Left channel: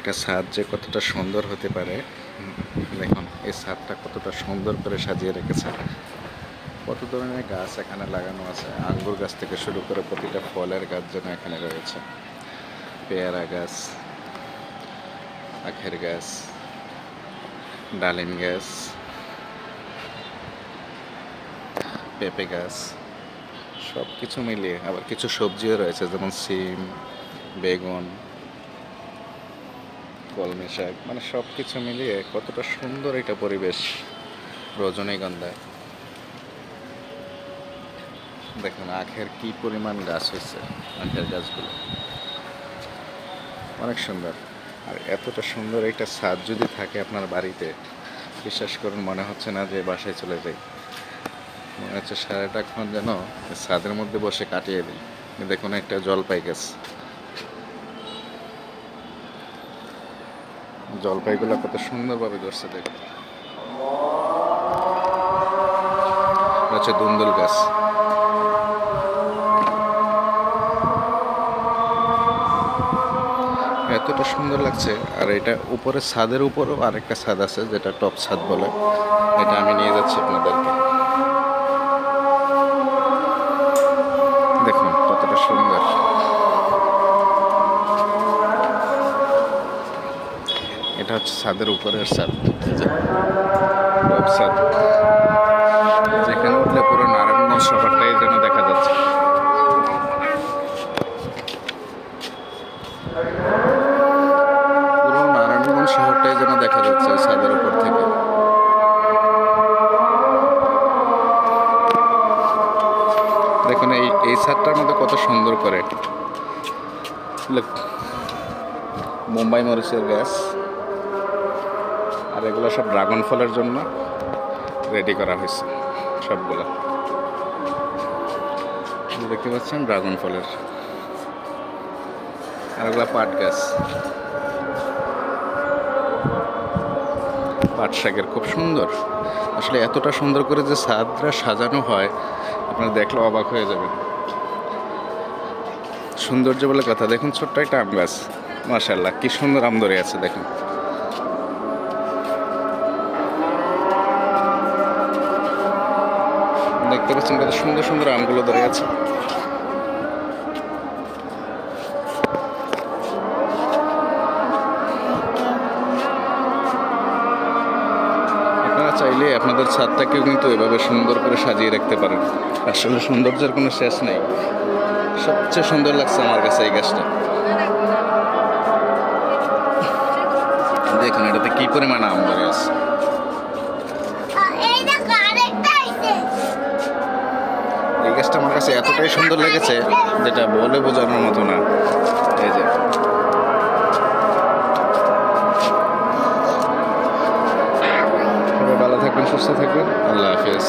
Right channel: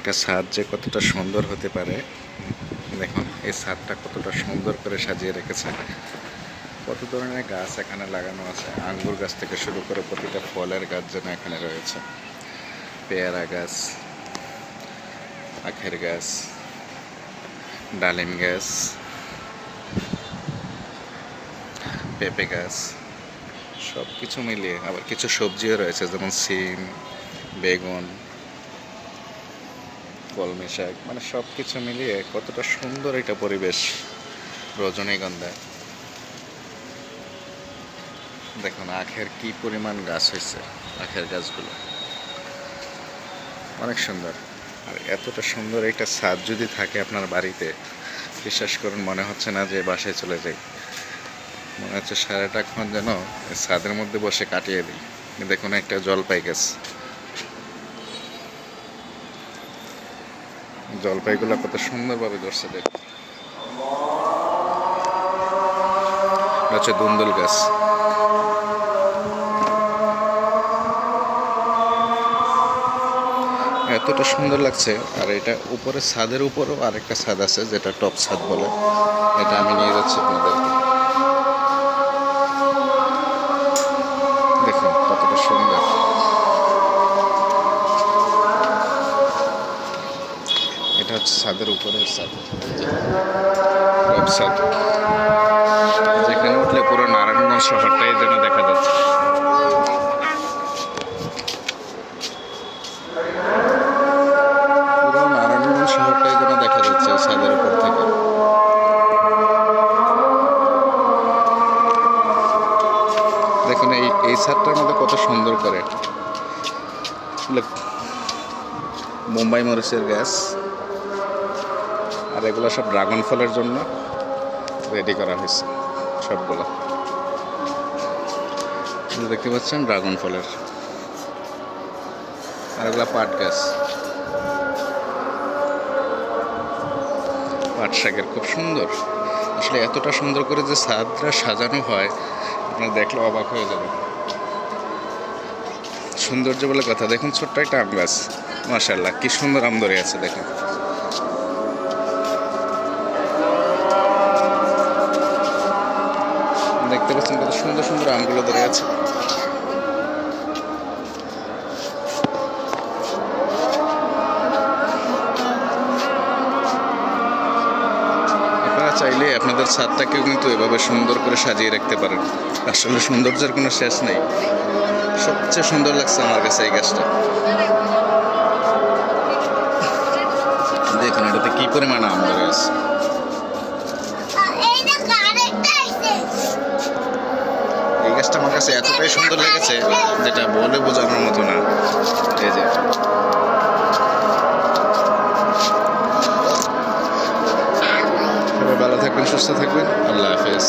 একটা ছাদ যে কতটা সুন্দর হতে পারে। দেখুন এই ছাদটা কতটা সুন্দর করে সাজিয়ে রেখেছে। কত ধরনের গাছ এখানে লাগানো আছে, আঙ্গুর গাছ থেকে শুরু করে প্রতিটা ফলের গাছ যেন এখানে রয়েছে। পেয়ারা গাছ, আখের গাছ, ডালিম গাছ, পেঁপে গাছ, সব কিছু মিলিয়ে আবার কিছু সবজিও রয়েছে, যেমন সিম, বেগুন, কলমি শাক, মানে সব কিছু মিলিয়ে কতটা সুন্দর একটা পরিবেশ। রজনীগন্ধা, দেখুন আখের কি পরিমাণ গাছ হয়েছে, আখের গাছগুলো অনেক সুন্দর। আর এতটা সুন্দর একটা ছাদ যদি থাকে আপনার বাড়িতে, বিশ্বাস করুন মনে হচ্ছে না যে বাসায় চলে যাই, মনে হচ্ছে সারাটাক্ষণ যেন ছাদের মধ্যে বসে কাটিয়ে দিই। দেখুন একটা জলপাই গাছ, জলপাইগুলো কত সুন্দরভাবে ধরছে। দেখুন হচ্ছে দুন্দুল গাছ, এতটা সুন্দর লাগছে। আর এটা উপরে ছাদের উপরও আরেকটা ছাদ আছে, যেটা টপ ছাদ বলে, এটা আমি নিয়ে যাচ্ছি আপনাদেরকে। দেখুন কতটা সুন্দর। এটা হচ্ছে ছাদের উপরের ছাদ, টপ ছাদ, যেখানে উঠলে পুরো নারায়ণগঞ্জ শহরটাই যেন দেখা যাচ্ছে। পুরো নারায়ণগঞ্জ শহরটাই যেন দেখা যাচ্ছে ছাদের উপর থেকে। দেখুন এই ছাদটার মধ্যে কত সুন্দর করে মুম্বাই মরিচের গাছ, আর এগুলো সব ড্রাগন ফলের জন্য রেডি করা হয়েছে সবগুলো। দেখতে পাচ্ছেন ড্রাগন ফলের, আর এগুলো পাট গাছ, পাট শাকের, খুব সুন্দর। আসলে এতটা সুন্দর করে যে ছাদটা সাজানো হয়, আপনারা দেখলে অবাক হয়ে যাবেন। সৌন্দর্য বলে কথা। দেখুন ছোট্ট একটা আম গাছ, মাশাআল্লাহ কি সুন্দর আম ধরে আছে। দেখুন দেখতে পাচ্ছেন কত সুন্দর সুন্দর আমগুলো ধরে আছে। আপনারা চাইলে আপনাদের ছাদটাকেও কিন্তু এভাবে সুন্দর করে সাজিয়ে রাখতে পারেন। আসলে সৌন্দর্যের কোনো শেষ নেই। সবচেয়ে সুন্দর লাগছে আমার কাছে এই গাছটা। দেখুন এটাতে কি পরিমাণ আম ধরে আছে। এই গাছটা আমার কাছে এতটাই সুন্দর লেগেছে, যেটা বলে বোঝানোর মতো না। এই যে সবাই ভালো থাকবেন, সুস্থ থাকবেন, আল্লাহ হাফেজ।